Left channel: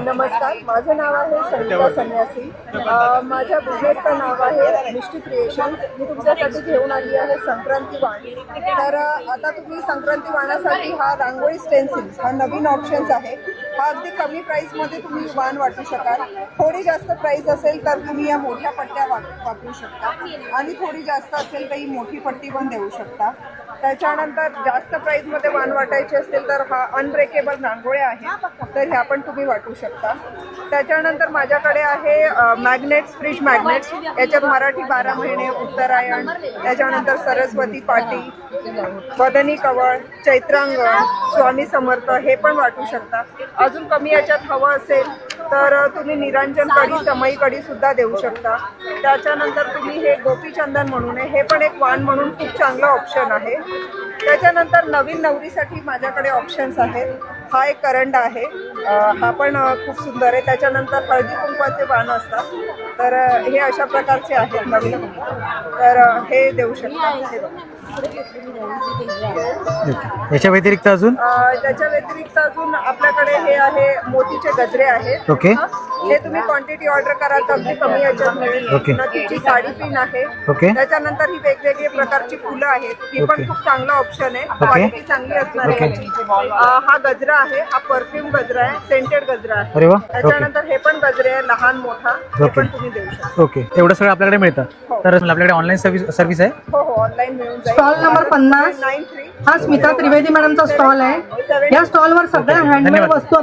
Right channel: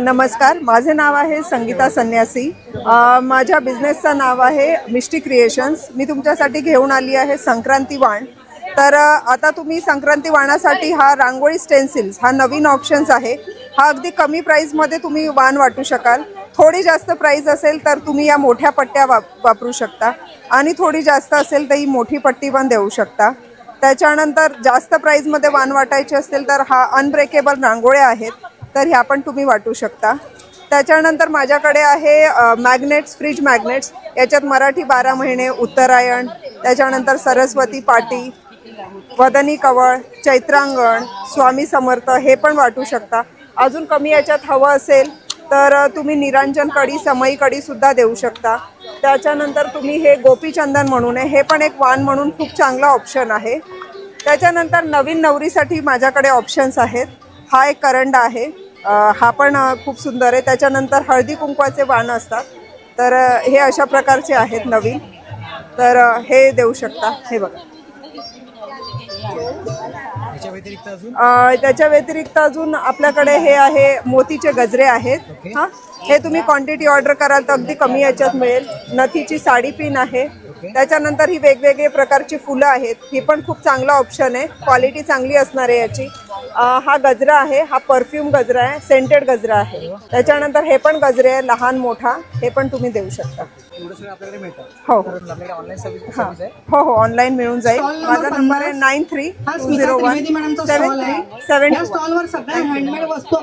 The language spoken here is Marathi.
नमस्कार माझे नाव आहे संगीता संन्यासी. माझ्या बिझनेसचं नाव आहे मिष्टी क्रिएशन्स मी तुमच्यासाठी घेऊन आली आहे संक्रांती वाण. तर आता तुम्ही संक्रांती वाणासाठी हा रांगोळी स्टेन्सिल्स हा नवीन ऑप्शन्स आहे. हा अगदी कमी प्राईजमध्ये तुम्ही वाण वाटू शकाल. थोडी जास्त प्राईज असेल तर तुम्ही या मोठ्या पट्ट्या वाप वापरू शकता. आणि थोडी जास्त असेल तर ही मोठी पट्टी पण देऊ शकता. त्याच्यानंतर जास्त प्राईजमध्ये वाण वाटायचे असेल तर हा अनब्रेकेबल रांगोळ्या आहेत. तर ह्या पण तुम्ही वाटू शकता. त्याच्यानंतर माझ्याकडे आहे मॅग्नेट्स फ्रीज मॅग्नेट्स याच्यात मराठी बारा महिने उत्तरायण. त्याच्यानंतर सरस्वती पाटी वदनी कवळ चैत्रांगण स्वामी समर्थ हे पण वाटू शकता. अजून कमी याच्यात हवं असेल तर तुम्ही निरंजन कढी समई कडी सुद्धा देऊ शकता. त्याच्यानंतर तुम्ही हे गोपीचंदन म्हणून आहे हे पण एक वाण म्हणून खूप चांगला ऑप्शन आहे. त्याच्यानंतर नवीन नवरीसाठी माझ्याकडे ऑप्शन्स आहेत. हा एक करंड आहे. हा पण खूप सुंदर आहे. त्याच्यानंतर हळदी कुंकवाचे वाण असतात. तर हे अशा प्रकारचे आहेत नवीन. तर हे देऊ शकता. हे बघा. याच्या व्यतिरिक्त अजून? अ, त्याच्या व्यतिरिक्त अजून आपल्याकडे हे आहे मोतीचे गजरे आहेत. ओके. हा. हे तुम्ही क्वांटिटी ऑर्डर कराल तर अगदी कमी याच्यात मिळेल. नथीची साडी पिन आहे. ओके. त्याच्यानंतर ही वेगवेगळे प्रकारची फुलं आहेत. ही पण खूप चांगला ऑप्शन आहे. क्वालिटी चांगली असणार आहे याची. अ, हा गजरा आहे. हा परफ्यूम गजरा आहे. सेंटेड गजरा आहे. त्याच्यानंतर हे पण गजरे आहे, लहान मोठा. हे ओके. पण तुम्ही देऊ शकता. ओके. एवढं सगळं आपल्याकडे मिळतं. हो. तर आपल्याकडे ऑनलाईन सर्व्हिस सर्व्हिस आहे? हो हो. ऑनलाईन मिळून जाईल. Stall number पन्नास. नाईन थ्री हा स्मिता त्रिवेदी मॅडमचा स्टॉल आहे या स्टॉलवर सगळ्या हँडमेड. वस्तू